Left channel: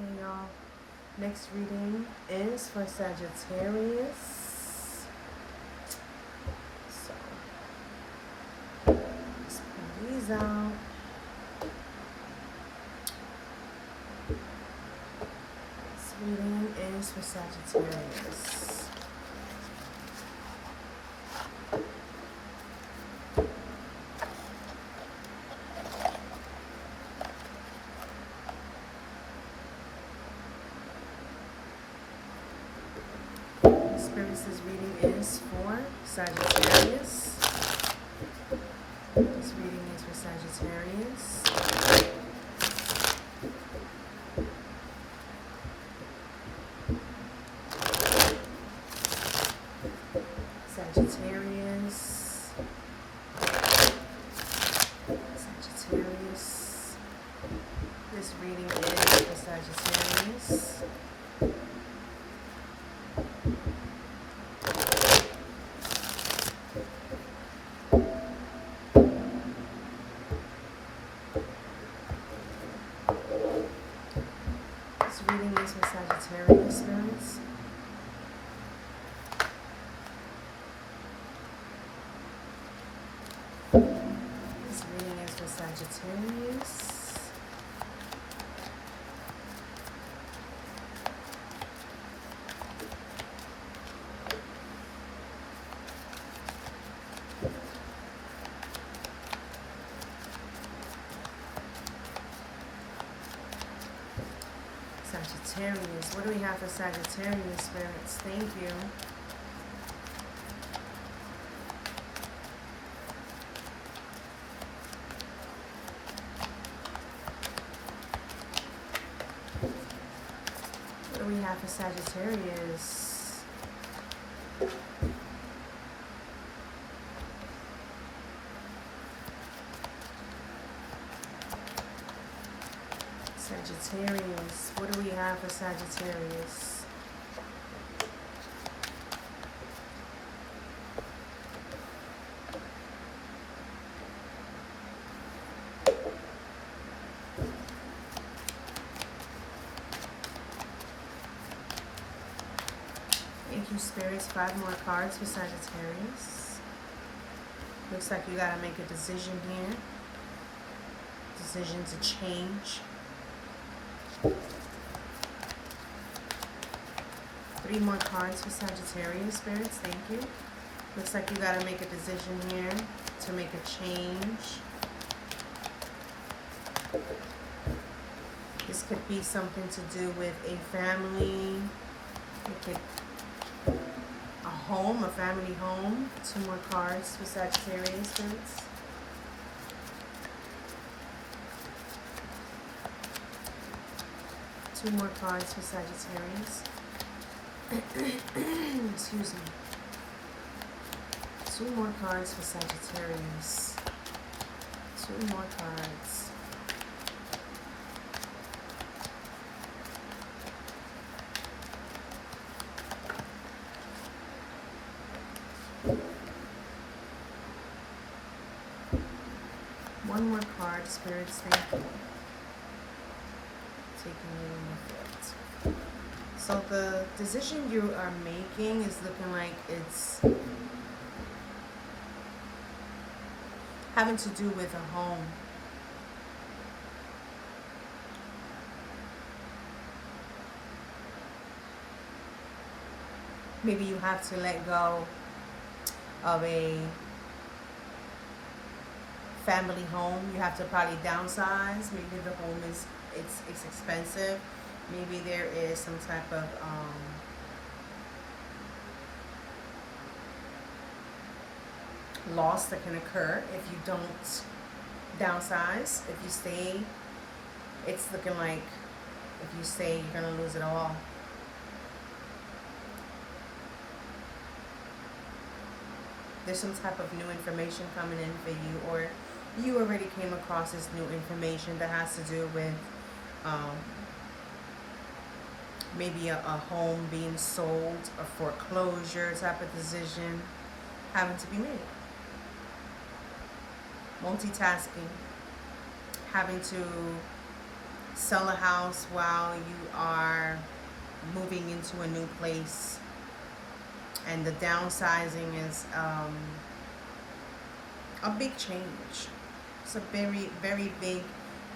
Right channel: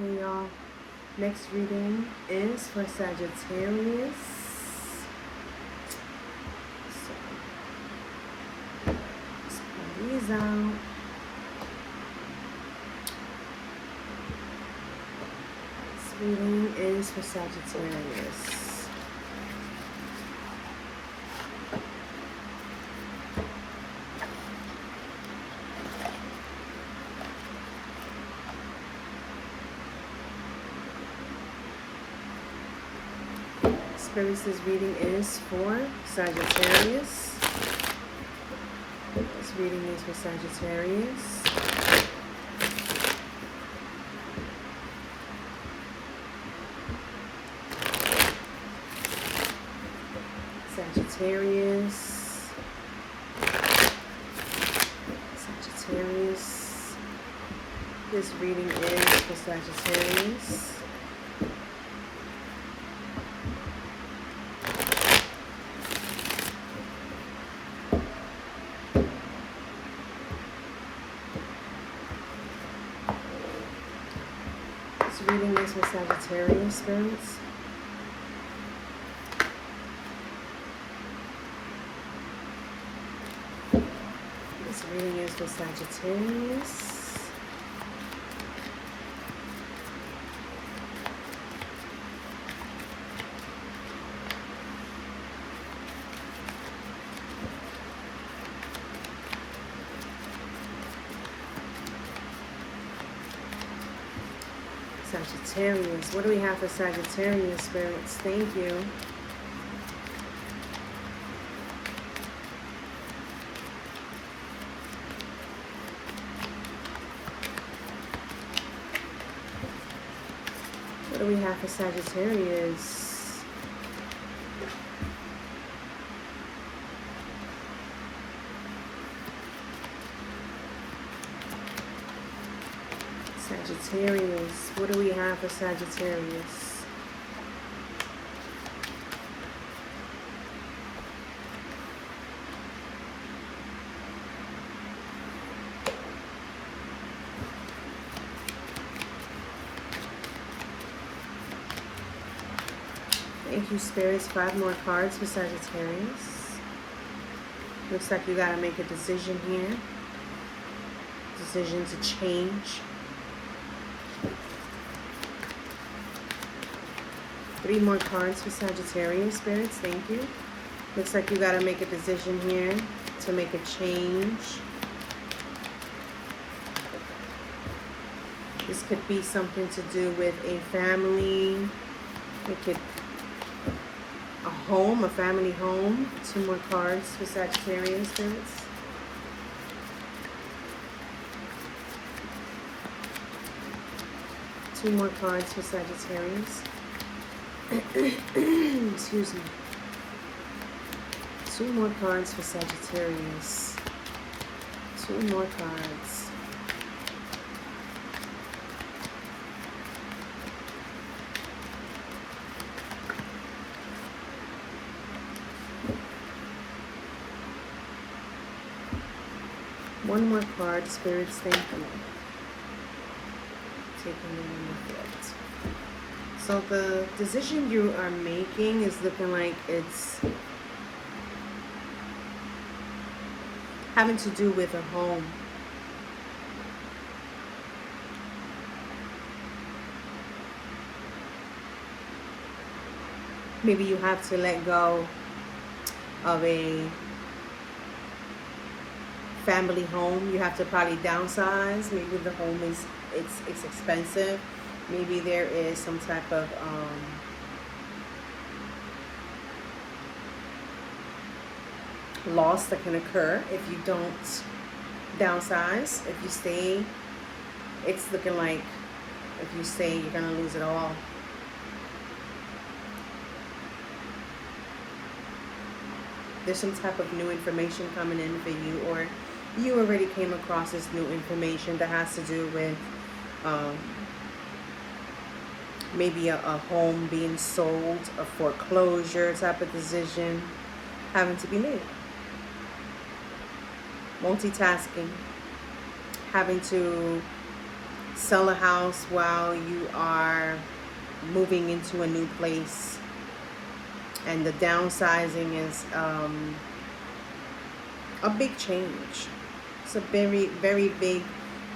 Okay, y'all. Next reading is for Sagittarius. So, let's pull these out. This reading is for Sagittarius. Spirits, this reading is for Sagittarius. This reading is for Sagittarius. Sagittarius. Sagittarius. This reading is for Sagittarius. This reading is for Sagittarius, spirits. This reading is for Sagittarius. Sagittarius. What do we have for Sagittarius, spirits? Thank you. What do we have for Sagittarius? Sagittarius. What do we have for Sagittarius? Thank you, spirits. 5 more cards for Sagittarius. Looks like you gotta make a decision here. Decision to change. 3 more cards for Sagittarius, spirits. Thank you. Looks like you got to make a decision here to make a change. This could be something to do with a family. It could a home, a family home. 2 more cards for Sagittarius, spirits. Two more cards for Sagittarius. Excuse me. 2 more cards for Sagittarius. 2 more cards. One more card, spirits. Thank you. Taking the one that flipped. So the decision you are making is looking like it's having to do with a home. Maybe you have to let go of a family home. You have to probably downsize. Maybe the home is it's expensive. Maybe there is some type of loss that can occur if you don't downsize. If you stay, it's looking like if you stay, you're gonna lose it all. There's some type of new information coming in for you, or you already came across this new information that has to do with maybe a home being sold, a foreclosure type of decision having to be made. Multitasking, having to sell a house while you are moving into a new place, and the downsizing is a big change. It's a very, very big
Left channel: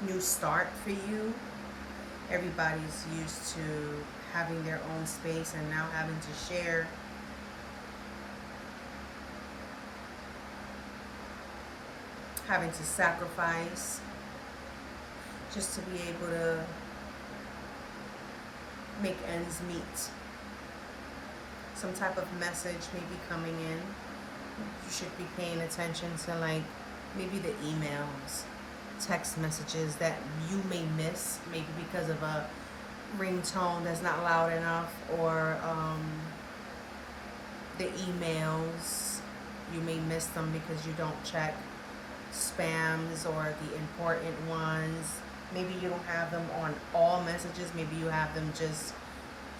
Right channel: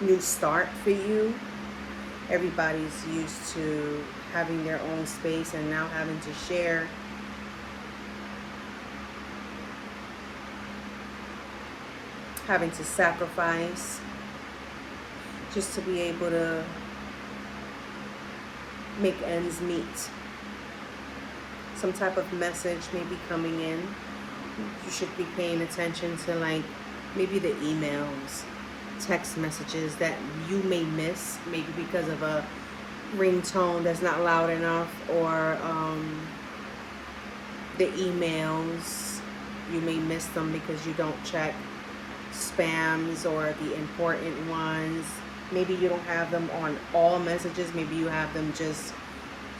new start for you. Everybody's used to having their own space and now having to share. Having to sacrifice just to be able to make ends meet. Some type of message may be coming in. You should be paying attention to, like, maybe the emails, text messages that you may miss, maybe because of a ringtone that's not loud enough, or the emails, you may miss them because you don't check spams or the important ones. Maybe you don't have them on all messages. Maybe you have them just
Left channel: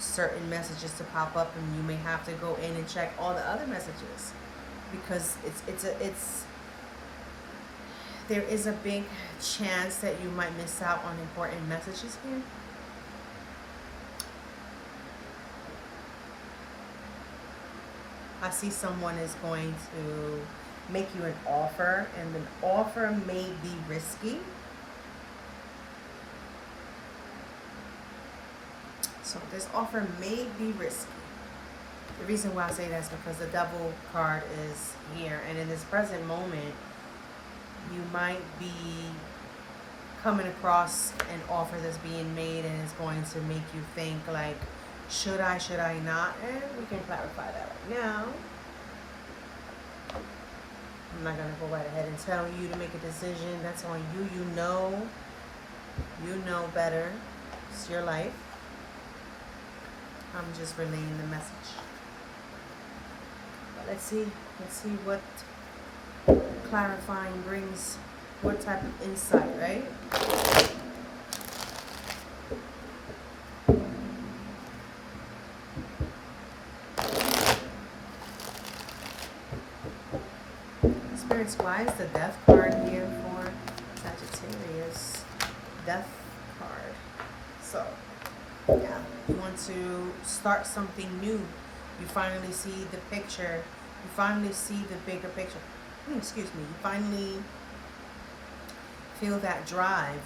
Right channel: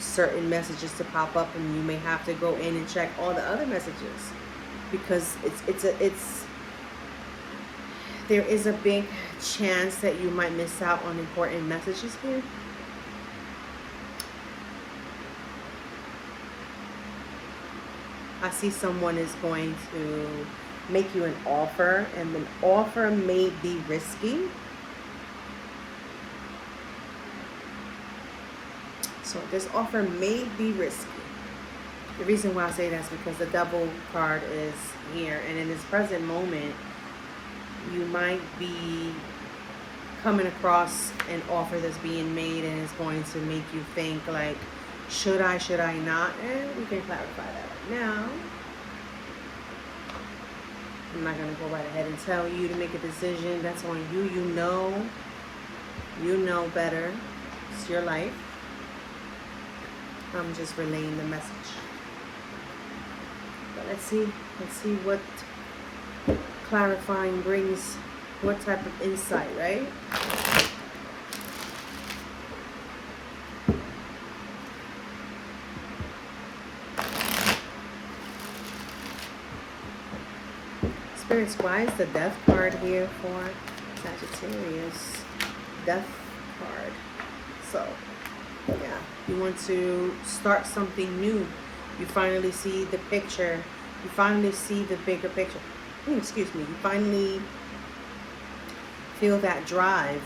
certain messages to pop up, and you may have to go in and check all the other messages, because there is a big chance that you might miss out on important messages here. I see someone is going to make you an offer, and the offer may be risky. So this offer may be risky. The reason why I say that is because the Devil card is here, and in this present moment, you might be coming across an offer that's being made, and it's going to make you think, like, should I not? And we can clarify that right now. I'm not going to go right ahead and tell you to make a decision. That's on you. You know better. It's your life. I'm just relaying the message. But let's see what clarifying brings, what type of insight, right? Spirits, why is the Death card here for Sagittarius? Death card. So, yeah, you want to start something new. You finally see the picture. You finally see the bigger picture. Excuse me. You finally feel that drive.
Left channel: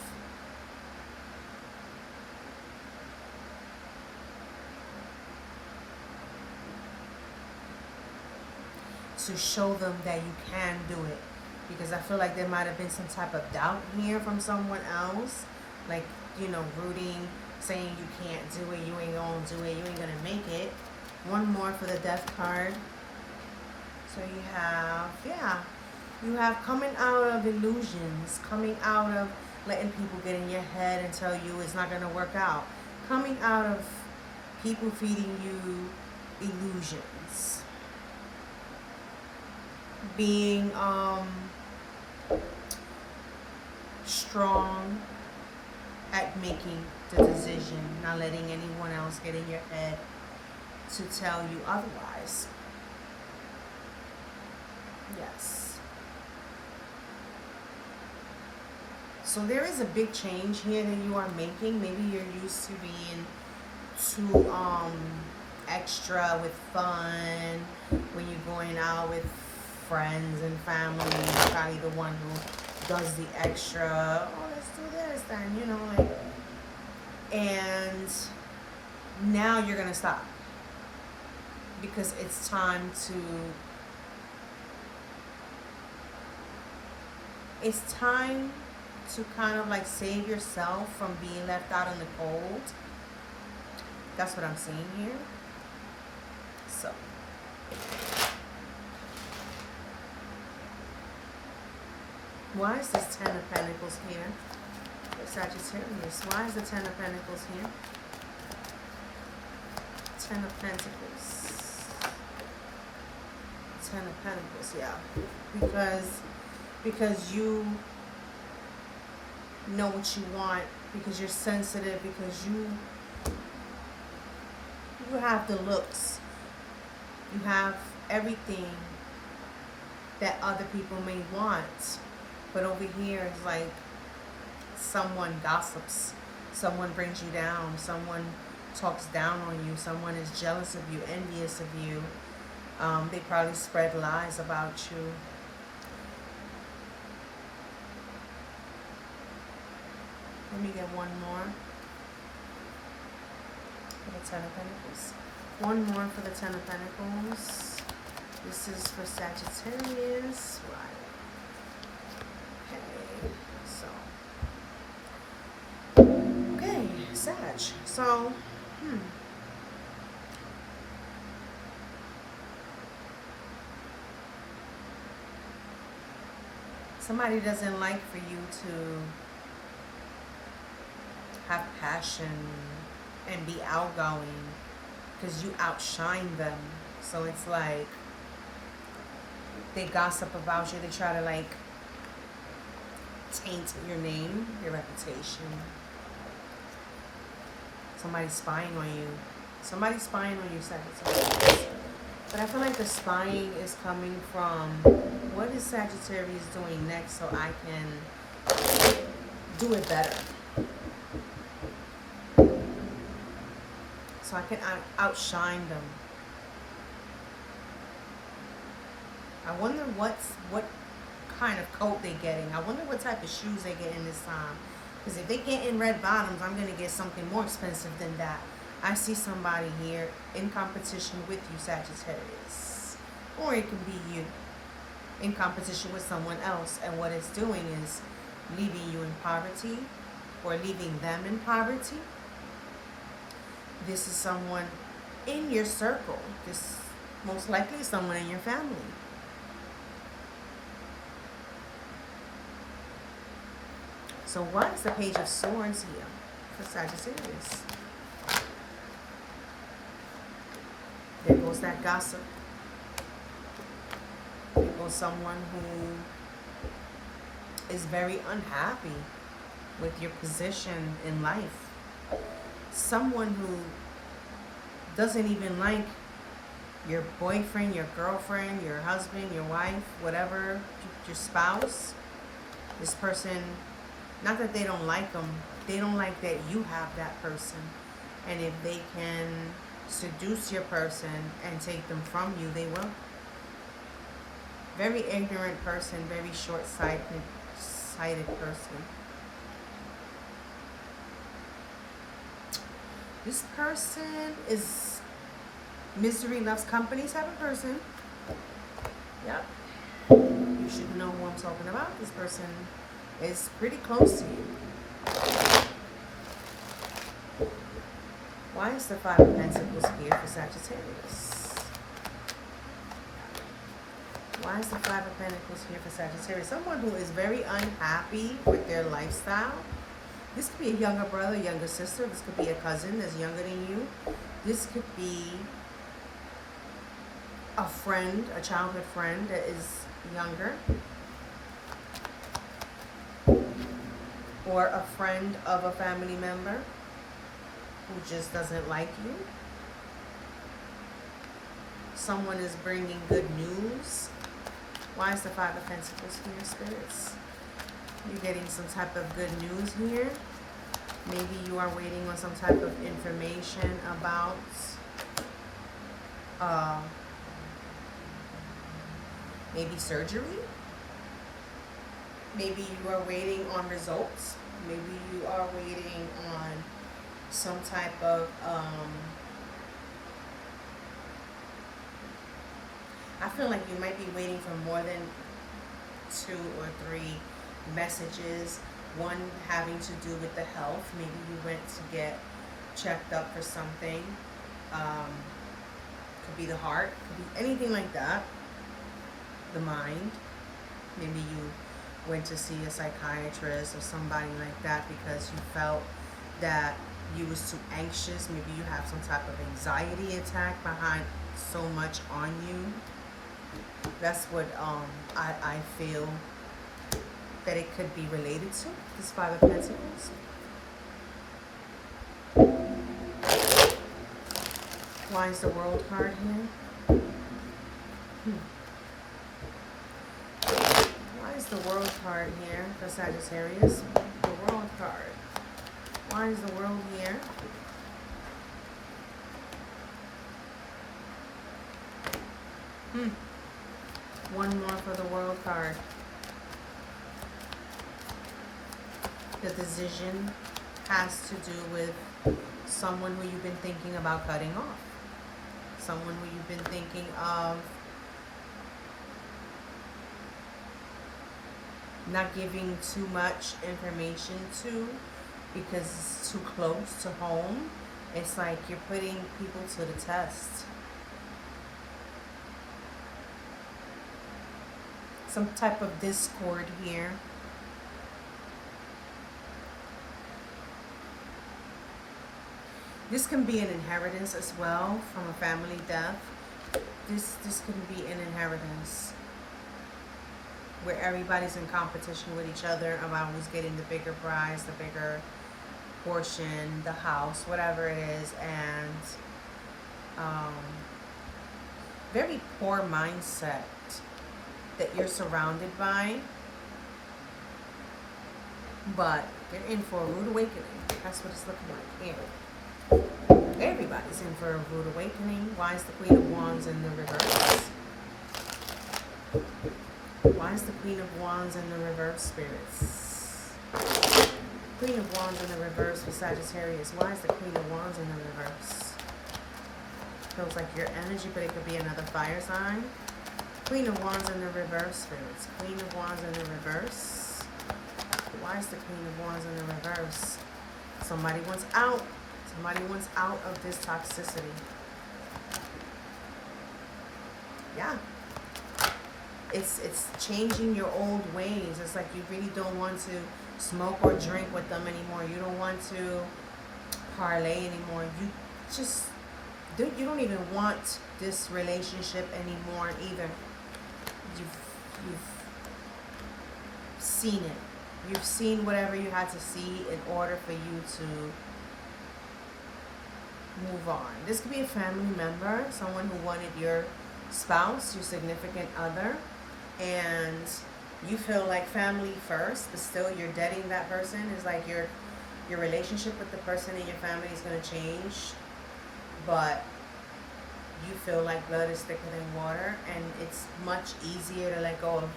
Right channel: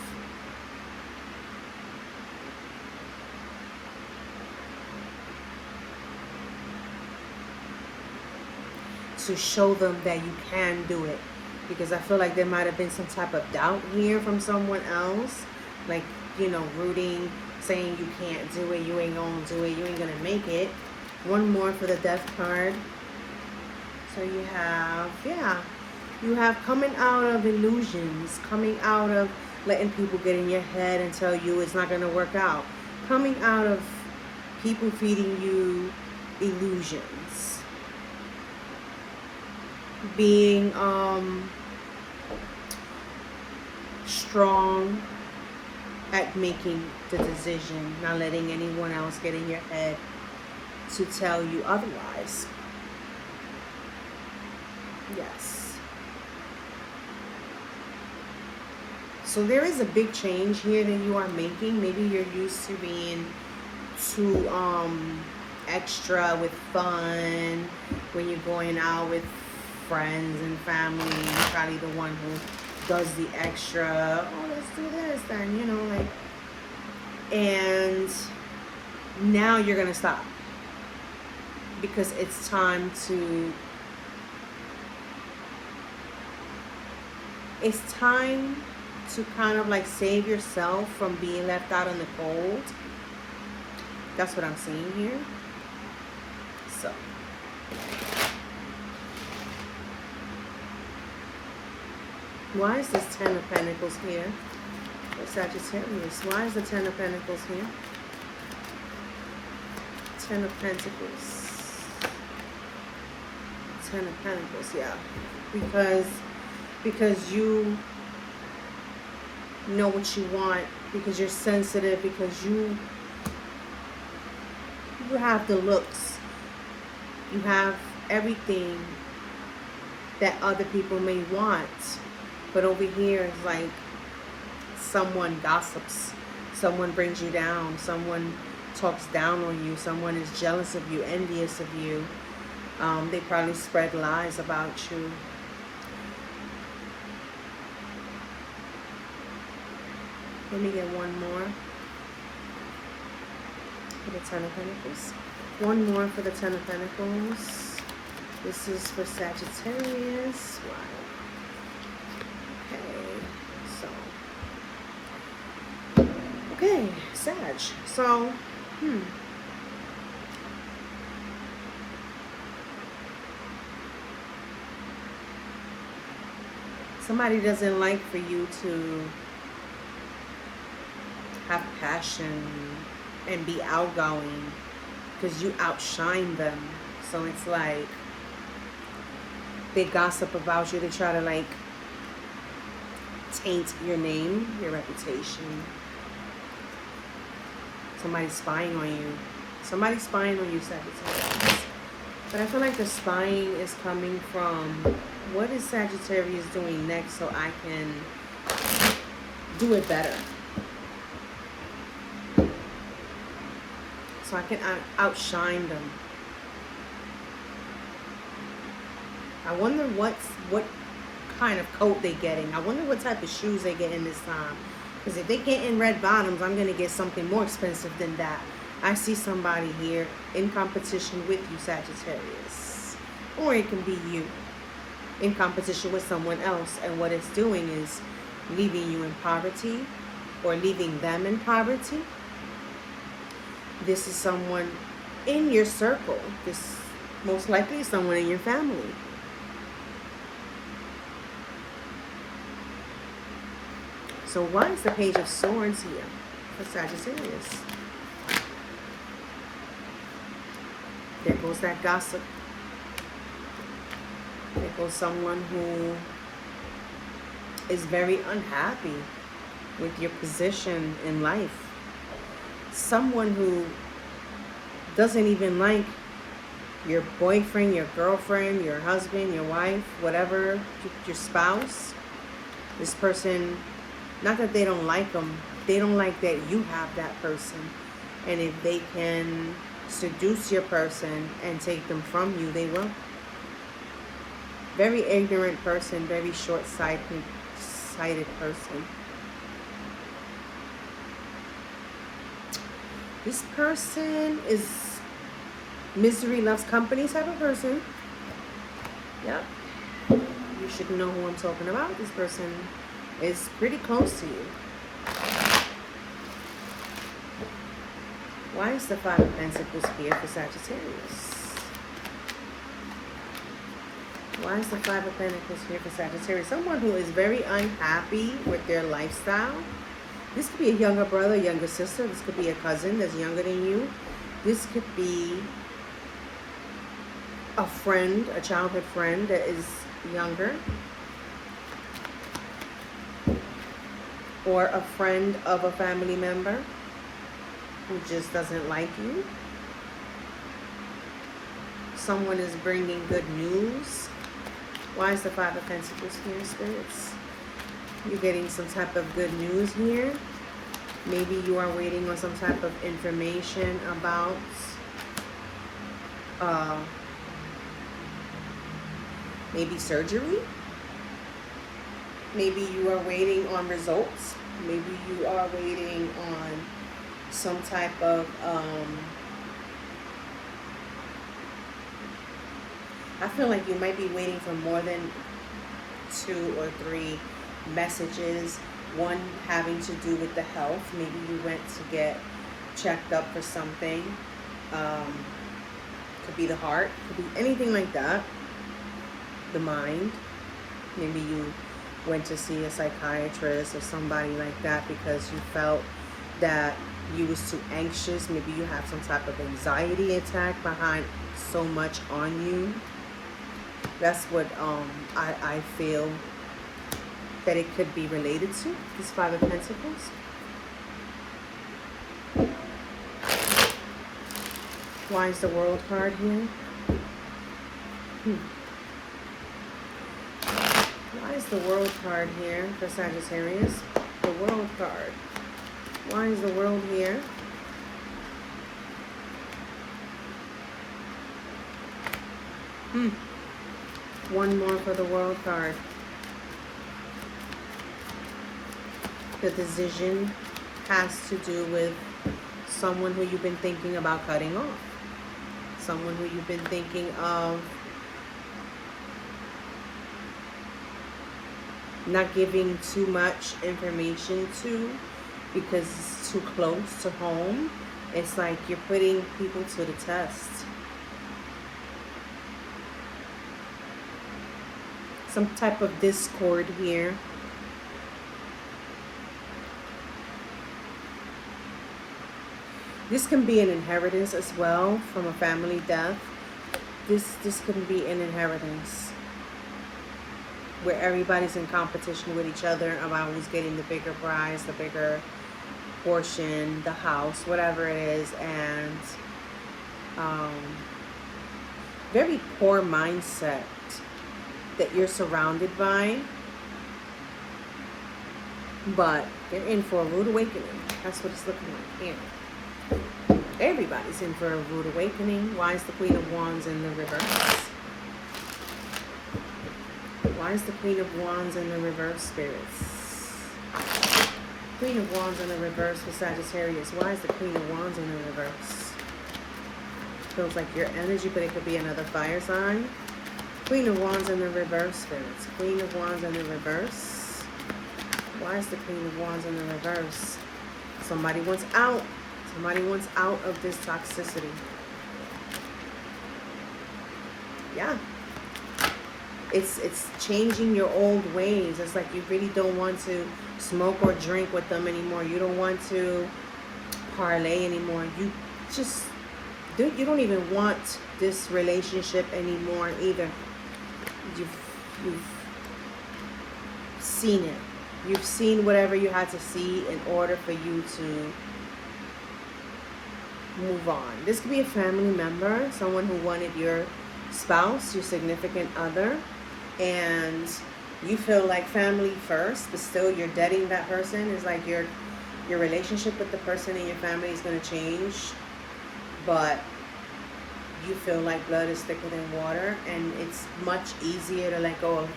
To show them that you can do it. Because I feel like there might have been some type of doubt here from someone else. Like, you know, rooting, saying you can't do it, you ain't gonna do it, you ain't gonna make it. One more for the Death card. So you have, yeah, you have coming out of illusions, coming out of letting people get in your head and tell you it's not gonna work out. Coming out of people feeding you illusions. Being strong at making the decision, not letting anyone else get in your head to tell you otherwise. Yes. So there is a big change here that you are making. Maybe you're used to being too extra with fun when you're going out with friends and family. You're probably the one who does the extra. Oh, let's do this then, you know, like. And now you're gonna stop, because it's time to kind of like save yourself from being left out in the cold. That's what I'm seeing here. So why is this Ten of Pentacles here for Sagittarius? Why is the Ten of Pentacles here? Ten of Pentacles. Ten of Pentacles, yeah. Because you know what you want, because you're sensitive, because you have the looks. You have everything that other people may want. But over here is like someone gossips. Someone brings you down. Someone talks down on you. Someone is jealous of you, envious of you. They probably spread lies about you. Let me get one more for the Ten of Pentacles. One more for the Ten of Pentacles. This is for Sagittarius. Why? Okay, Sag. So, somebody doesn't like for you to have passion and be outgoing because you outshine them. So it's like they gossip about you. They try to like taint your name, your reputation. Somebody's spying on you. Somebody's spying on you, Sagittarius. But I feel like the spying is coming from what is Sagittarius doing next so I can do it better. So I can outshine them. I wonder what kind of coat they're getting. I wonder what type of shoes they get in this time. Because if they get in red bottoms, I'm going to get something more expensive than that. I see somebody here in competition with you, Sagittarius. Or it can be you in competition with someone else. And what it's doing is leaving you in poverty or leaving them in poverty. This is someone in your circle. This most likely is someone in your family. So why is the Page of Swords here for Sagittarius? There goes that gossip. There goes someone who is very unhappy with your position in life. Someone who doesn't even like your boyfriend, your girlfriend, your husband, your wife, whatever, your spouse. This person, not that they don't like them, they don't like that you have that person. And if they can seduce your person and take them from you, they will. Very ignorant person, very short-sighted person. This person is misery loves company type of person. Yep. You should know who I'm talking about. This person is pretty close to you. Why is the Five of Pentacles here for Sagittarius? Why is the Five of Pentacles here for Sagittarius? Someone who is very unhappy with their lifestyle. This could be a younger brother, younger sister. This could be a cousin that's younger than you. This could be a friend, a childhood friend that is younger. Or a friend of a family member who just doesn't like you. Someone is bringing good news. Why is the Five of Pentacles here, spirits? You're getting some type of good news here. Maybe you are waiting on some type of information about maybe surgery. Maybe you are waiting on results. Maybe you are waiting on some type of I feel like you might be waiting for more than 2 or 3 messages. One having to do with the health. Maybe you went to get checked up for something. Could be the heart. Could be anything like that. The mind. Maybe you went to see a psychiatrist or somebody like that because you felt that you was too anxious. Maybe you have some type of anxiety attack behind so much on you. That's what I feel that it could be related to, this Five of Pentacles. Why is the World card here? Why is the World card here for Sagittarius? The World card. Why is the World here? One more for the World card. The decision has to do with someone who you've been thinking about cutting off. Someone who you've been thinking of not giving too much information to because it's too close to home. It's like you're putting people to the test. Some type of discord here. This can be an inheritance as well from a family death. This can be an inheritance where everybody's in competition with each other about who's getting the bigger prize, the bigger portion, the house, whatever it is, and very poor mindset that you're surrounded by, but you're in for a rude awakening. That's what it's looking like here. Everybody's in for a rude awakening. Why is the Queen of Wands in the reverse? Why is the Queen of Wands in the reverse, spirits? Queen of Wands in the reverse for Sagittarius. Why is the Queen of Wands in the reverse? Feels like your energy, but it could be another fire sign. Queen of Wands in the reverse, spirits. Queen of Wands in the reverse. Why is the Queen of Wands in the reverse? Somebody wants out. Somebody wants out of this toxicity. Yeah. It's changing your old ways. It's like you really don't want to smoke or drink with them anymore. You don't want to parlay anymore. You don't even want this relationship anymore either. You've seen it. You've seen whatever you had to see in order for you to move on. This could be a family member, someone who wanted your spouse, your significant other, and you feel like family first, but still you're dating that person. It's like your relationship with the person in your family is going to change, but you feel like blood is thicker than water, and it's much easier to let go of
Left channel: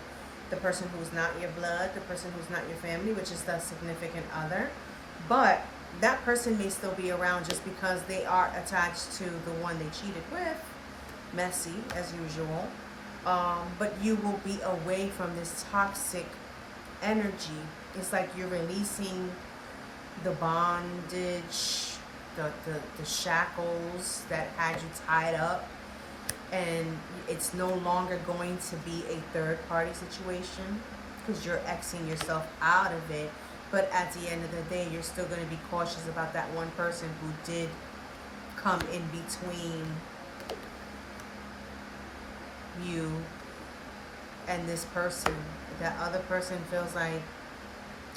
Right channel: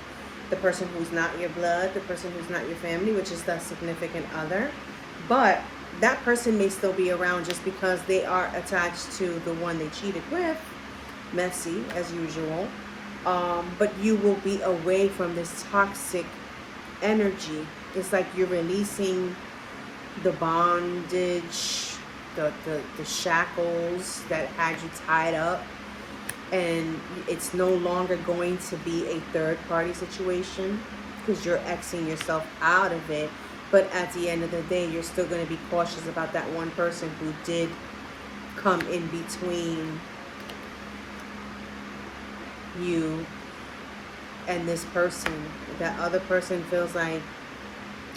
the person who's not your blood, the person who's not your family, which is the significant other. But that person may still be around just because they are attached to the one they cheated with. Messy, as usual. But you will be away from this toxic energy. It's like you're releasing the bondage, the shackles that had you tied up, and it's no longer going to be a third party situation because you're Xing yourself out of it. But at the end of the day, you're still going to be cautious about that one person who did come in between you and this person. That other person feels like,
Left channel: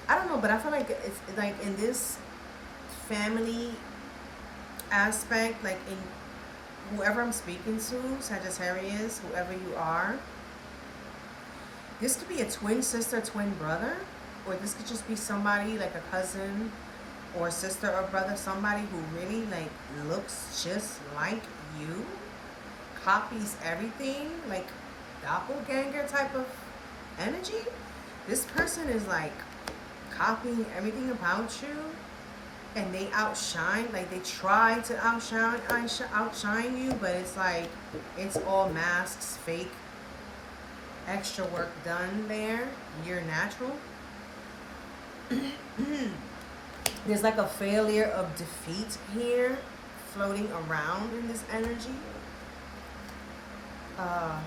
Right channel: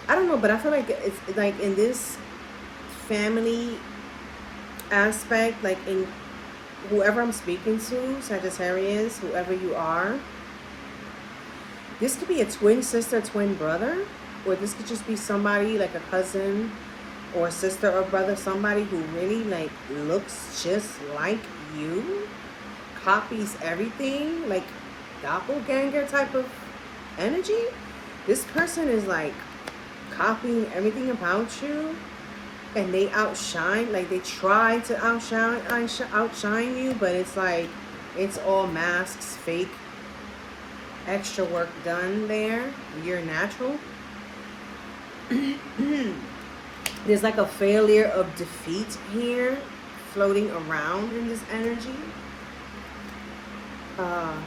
I don't know, but I feel like it's like in this family aspect, like in whoever I'm speaking to, Sagittarius, whoever you are, this could be a twin sister, twin brother, or this could just be somebody like a cousin or sister or brother, somebody who really like looks just like you, copies everything, like doppelganger type of energy. This person is like copying everything about you, and they outshine, like they try to outshine you, but it's like it's all masks, fake, extra work done there. You're natural. There's like a failure of defeat here floating around in this energy. Yeah,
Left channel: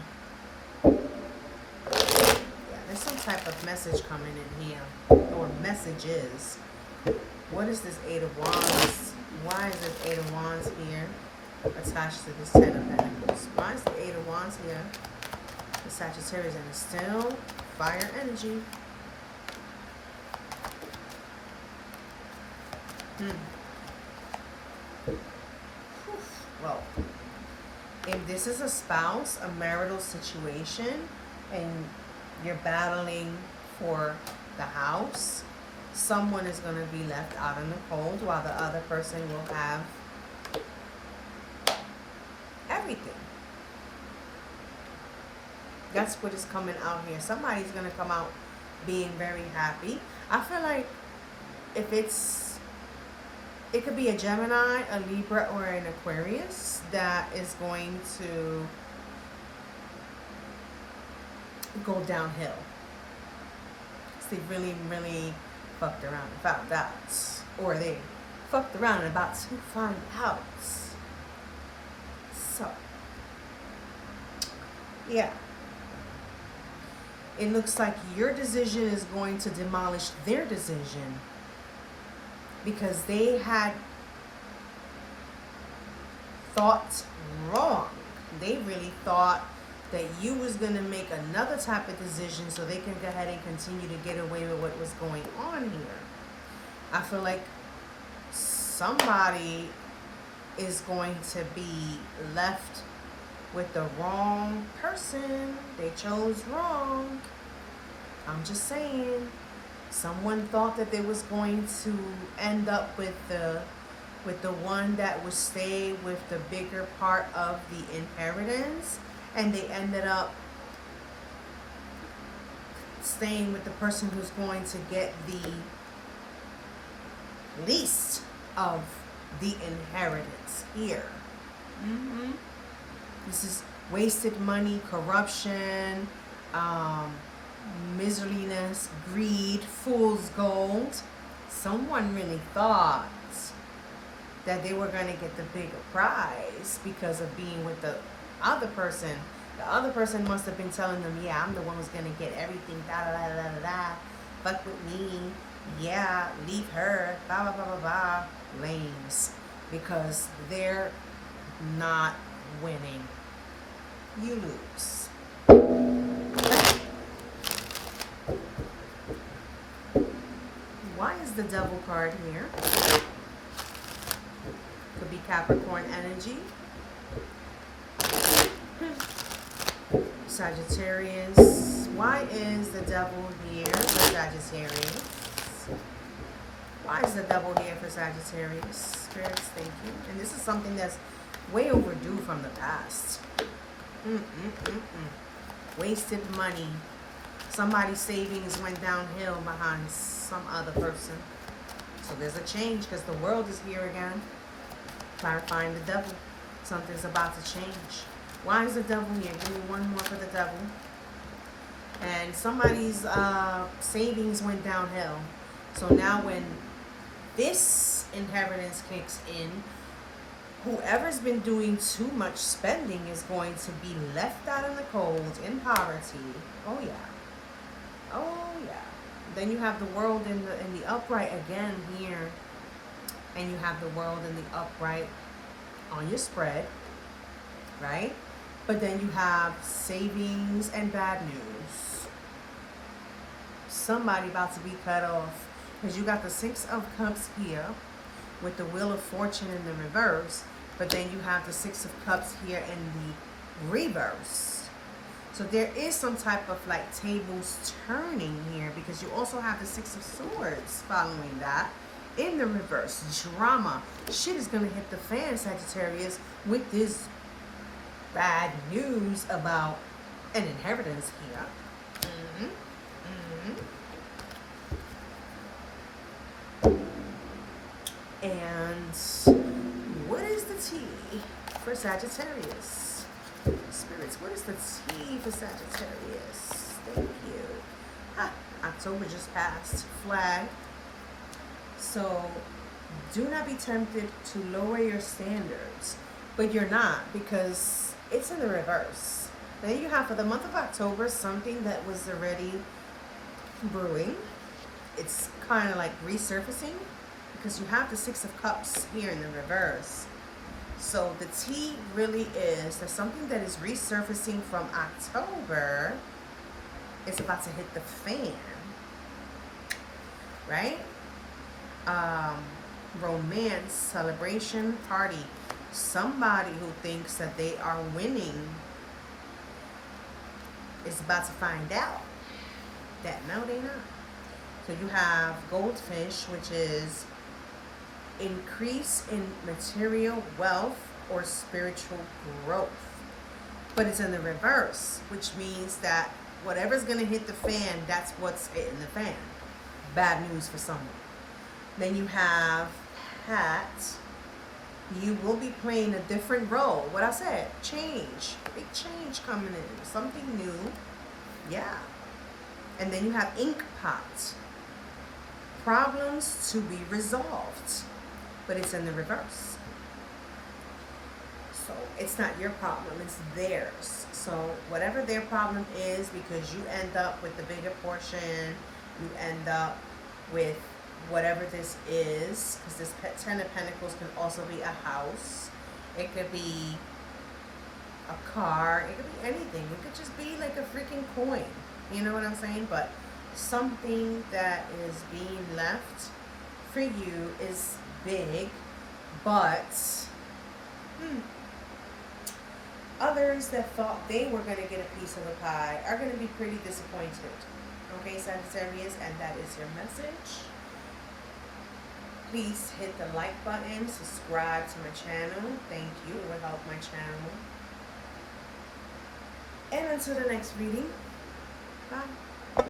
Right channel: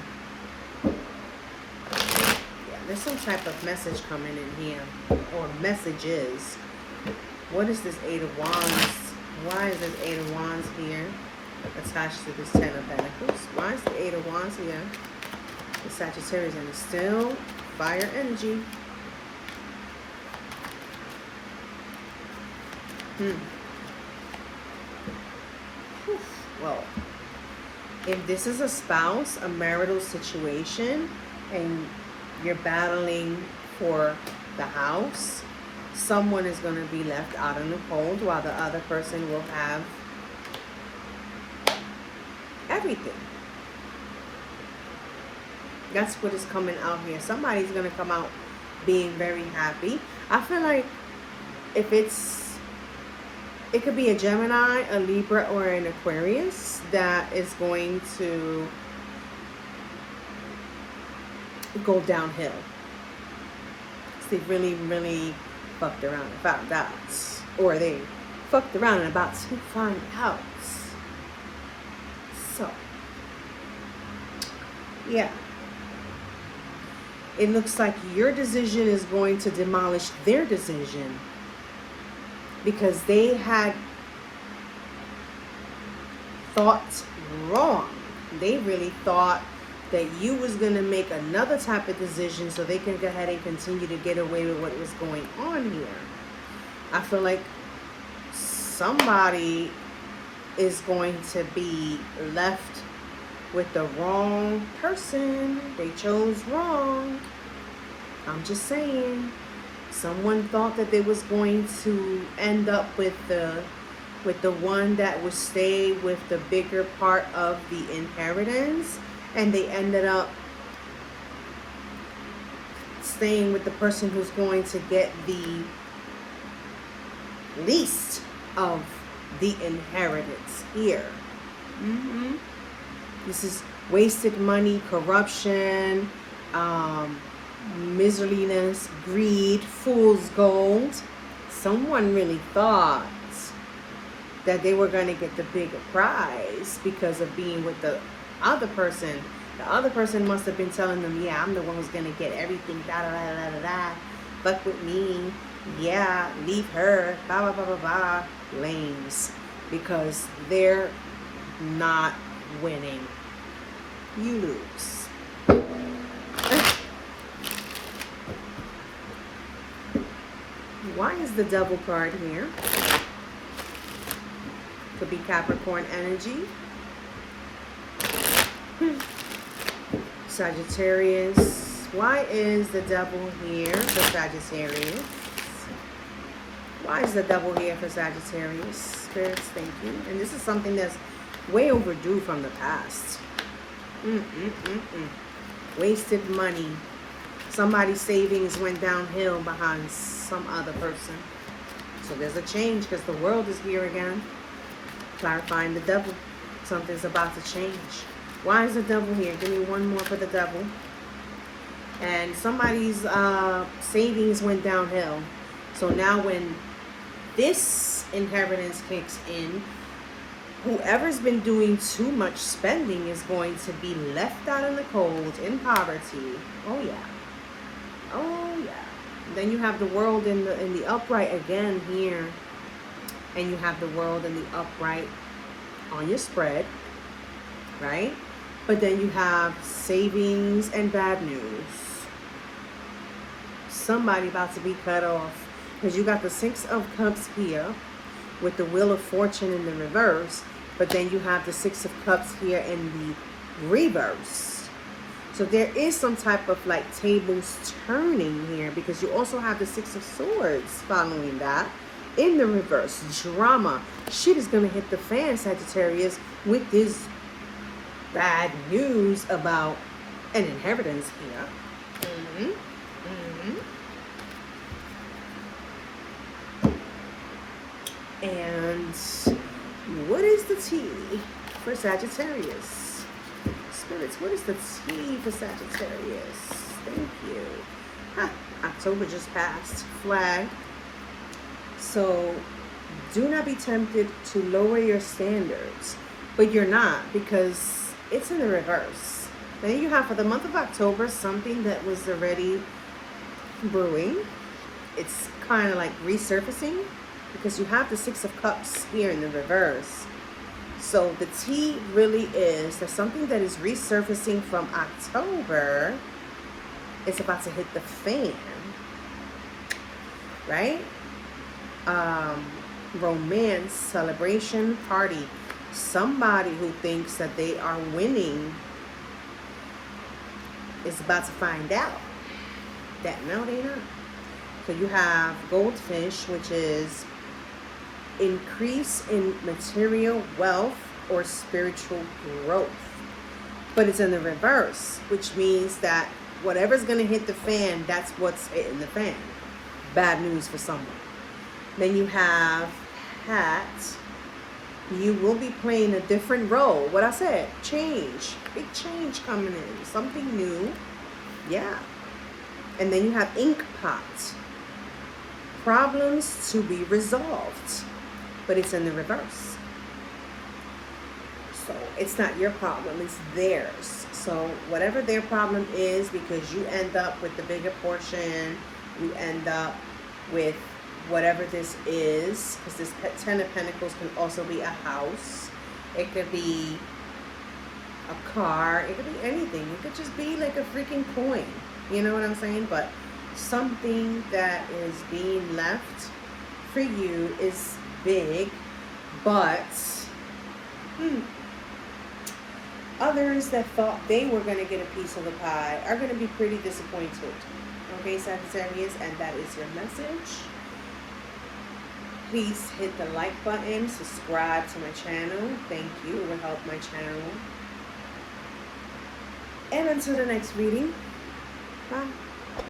there's some type of message coming in here, or messages. What is this Eight of Wands? Why is this Eight of Wands here attached to this Ten of Pentacles? Why is the Eight of Wands here? The Sagittarius, and it's still fire energy. Well, if this is a spouse, a marital situation, and you're battling for the house, someone is going to be left out in the cold while the other person will have everything. That's what is coming out here. Somebody's going to come out being very happy. I feel like if it could be a Gemini, a Libra, or an Aquarius that is going to go downhill. They really, really fucked around and found out. Or they fucked around and about to find out. So, yeah. It looks like your decision is going to demolish their decision. Because they had thought wrong. They really thought that you was going to make another type of decision so they can go ahead and continue to get away with what was going on here. I feel like somebody is going to be left with the wrong person. They chose wrong. I'm just saying. Someone thought that they was going to end up with the one that would stay with the bigger part of the inheritance, and they ended up staying with the person who's going to get the least of the inheritance here. This is wasted money, corruption, miserliness, greed, fool's gold. Someone really thought that they were going to get the bigger prize because of being with the other person. The other person must have been telling them, yeah, I'm the one who's going to get everything, da da da da da da, fuck with me, yeah, leave her, blah blah blah blah blah. Lames, because they're not winning. You lose. Why is the Devil card here? Could be Capricorn energy. Sagittarius. Why is the Devil here for Sagittarius? Why is the Devil here for Sagittarius? Spirits, thank you. And this is something that's way overdue from the past. Wasted money. Somebody's savings went downhill behind some other person. So there's a change because the world is here again. Clarifying the Devil. Something's about to change. Why is the Devil here? Give me one more for the Devil. And somebody's savings went downhill. So now when this inheritance kicks in, whoever's been doing too much spending is going to be left out in the cold, in poverty. Oh yeah. Oh yeah. Then you have the world in the upright again here. And you have the world in the upright on your spread, right? But then you have savings and bad news. Somebody about to be cut off. Because you got the Six of Cups here with the Wheel of Fortune in the reverse. But then you have the Six of Cups here in the reverse. So there is some type of like tables turning here. Because you also have the Six of Swords following that. In the reverse, drama. Shit is going to hit the fan, Sagittarius, with this bad news about an inheritance here. And what is the tea for Sagittarius? Spirits, what is the tea for Sagittarius? Thank you. October just passed. Flag. So do not be tempted to lower your standards, but you're not, because it's in the reverse. Then you have for the month of October something that was already brewing. It's kind of like resurfacing because you have the Six of Cups here in the reverse. So the tea really is there's something that is resurfacing from October. It's about to hit the fan, right? Romance, celebration, party. Somebody who thinks that they are winning is about to find out that no, they're not. So you have goldfish, which is increase in material wealth or spiritual growth. But it's in the reverse, which means that whatever's going to hit the fan, that's what's hitting the fan. Bad news for someone. Then you have hat. You will be playing a different role. What I said, change. Big change coming in. Something new. Yeah. And then you have ink pot. Problems to be resolved. But it's in the reverse. So it's not your problem, it's theirs. So whatever their problem is, because you end up with the bigger portion, you end up with whatever this is, because this Ten of Pentacles can also be a house. It could be a car. It could be anything. It could just be like a freaking coin. You know what I'm saying? But something that is being left for you is big, but others that thought they were going to get a piece of the pie are going to be pretty disappointed. Okay, Sagittarius, and that is your message. Please hit the like button, subscribe to my channel. Thank you. It will help my channel. And until the next reading, bye.